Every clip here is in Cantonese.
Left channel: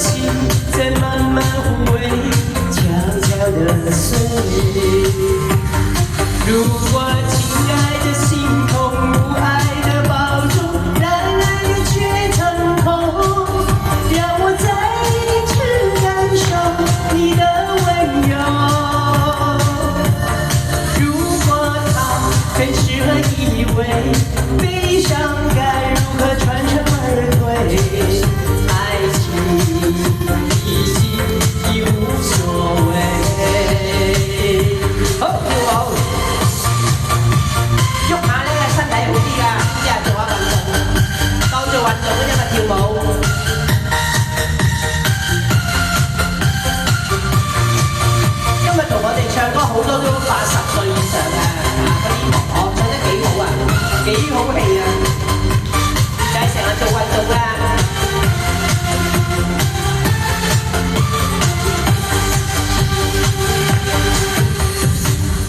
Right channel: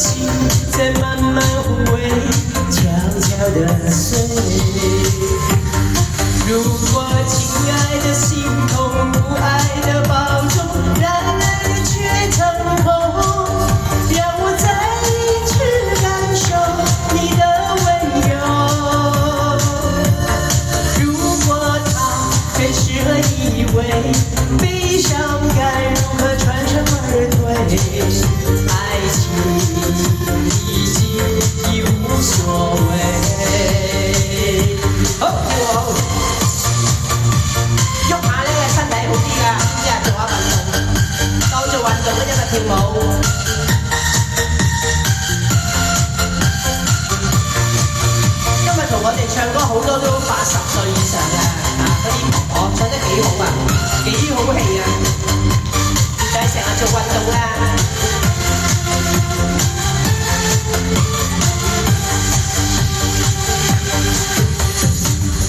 心在慢慢枯萎，悄悄地碎。如果亲爱的心痛不爱的抱住，然而又却成空，让我再一次感受你的温柔。如果它更适合依偎，悲伤该如何传承而退？爱情已经已无所謂。好，喐下咧身體好啲㗎，一日做下運動，當做運動嘅一個跳舞。今日同我哋唱歌好多都80歲以上嘅，我唱得幾好啊，幾好戲啊，就係成日做運動啊。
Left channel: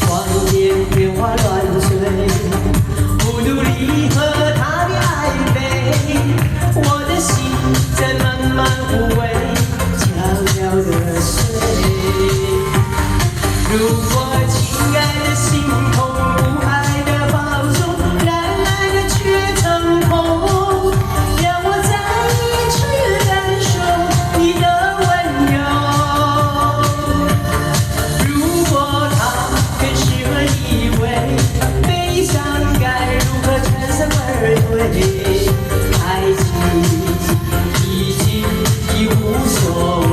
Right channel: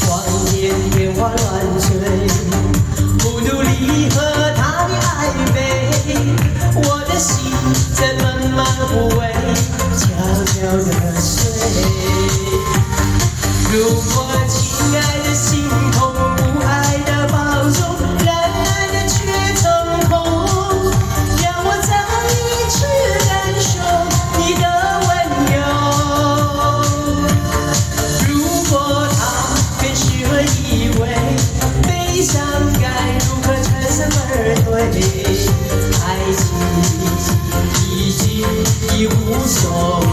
望見變化亂碎，不努力和他的曖昧，我的心在慢慢枯萎，悄悄地碎。如果親愛的心痛不愛的抱住，然而又卻成空，讓我再一次感受你的溫柔。如果它更適合依偎，悲傷該如何全身而退？愛情已經已無所謂。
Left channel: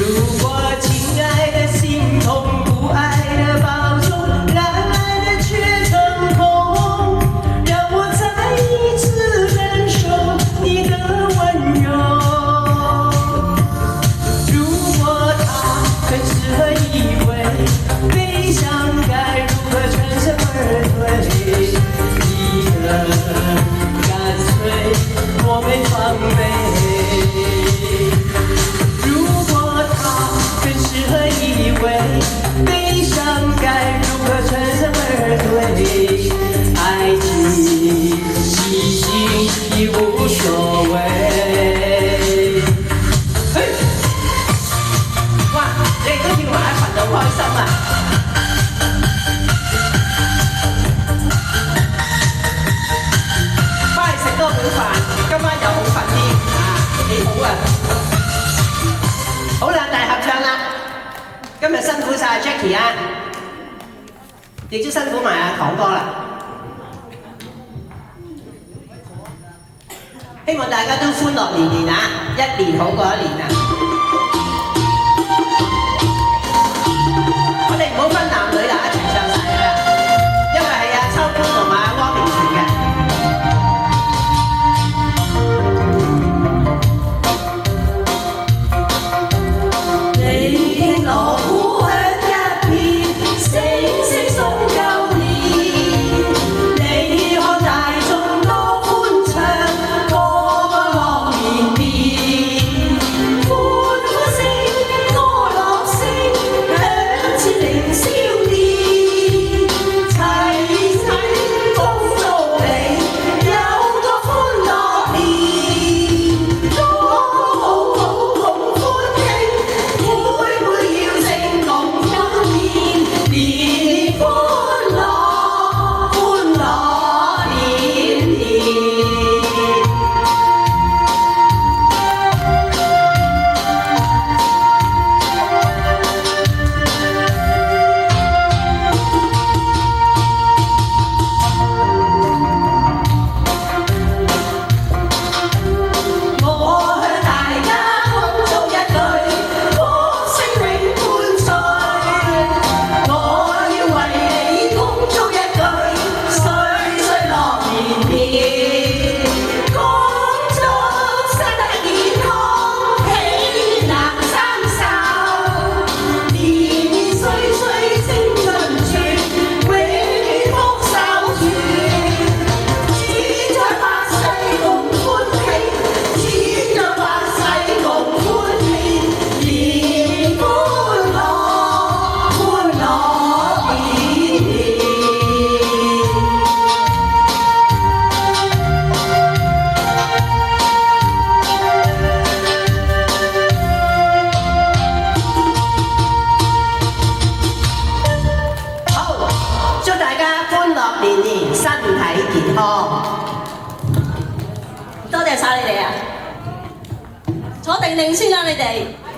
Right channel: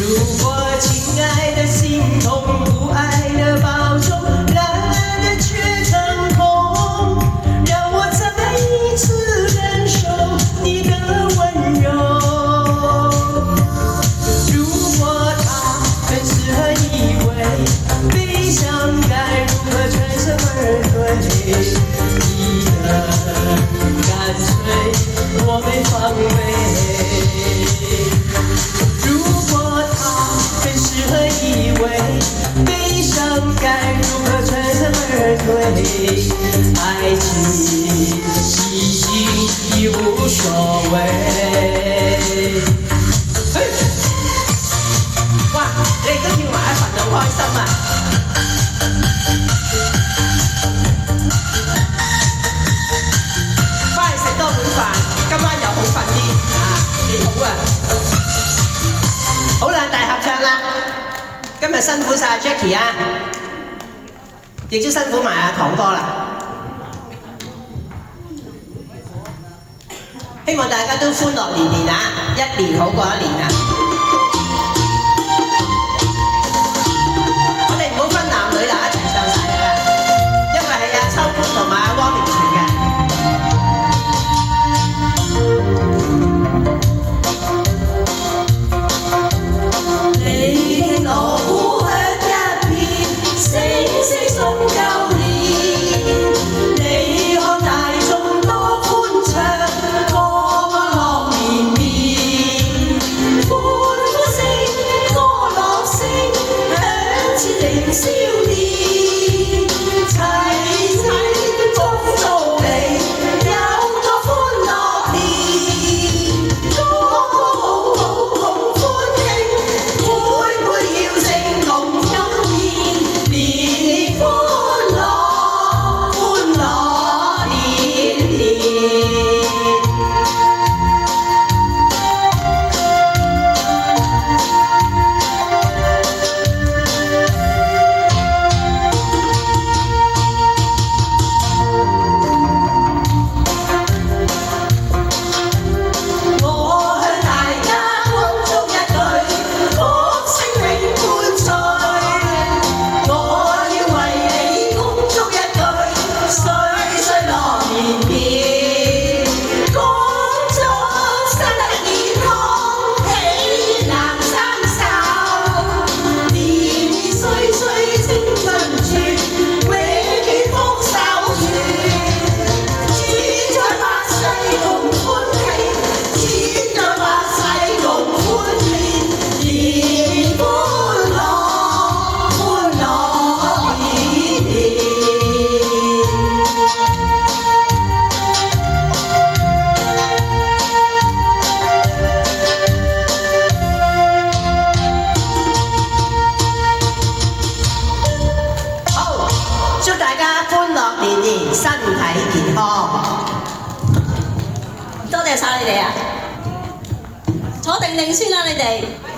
如果親愛的心痛不愛的抱住，然而又卻成空，讓我再一次感受你的溫柔。如果它更適合依偎，悲傷該如何全身而退？你的乾脆我沒防備。如果它更適合依偎，悲傷該如何全身而退？愛情已經已無所謂。哇！你哋都跳埋一份就好開心啊！翻嚟食多碗飯，今晚又好瞓啲啊，幾好啊！好啦，大合唱啦！今日辛苦晒 Jackie 啊，亦都辛苦埋阿堂哥啦。希望大家都歡樂年年啊，一年好過一年啊！我哋唔好分男女啦，一齊唱晒啊！因為係阿秋官同埋阿汪明荃嘅。你我互向一片，聲聲送舊年。你看大眾多歡唱，歌樂連綿。身體健康。多謝晒你哋啊！坐定定先啦，你哋。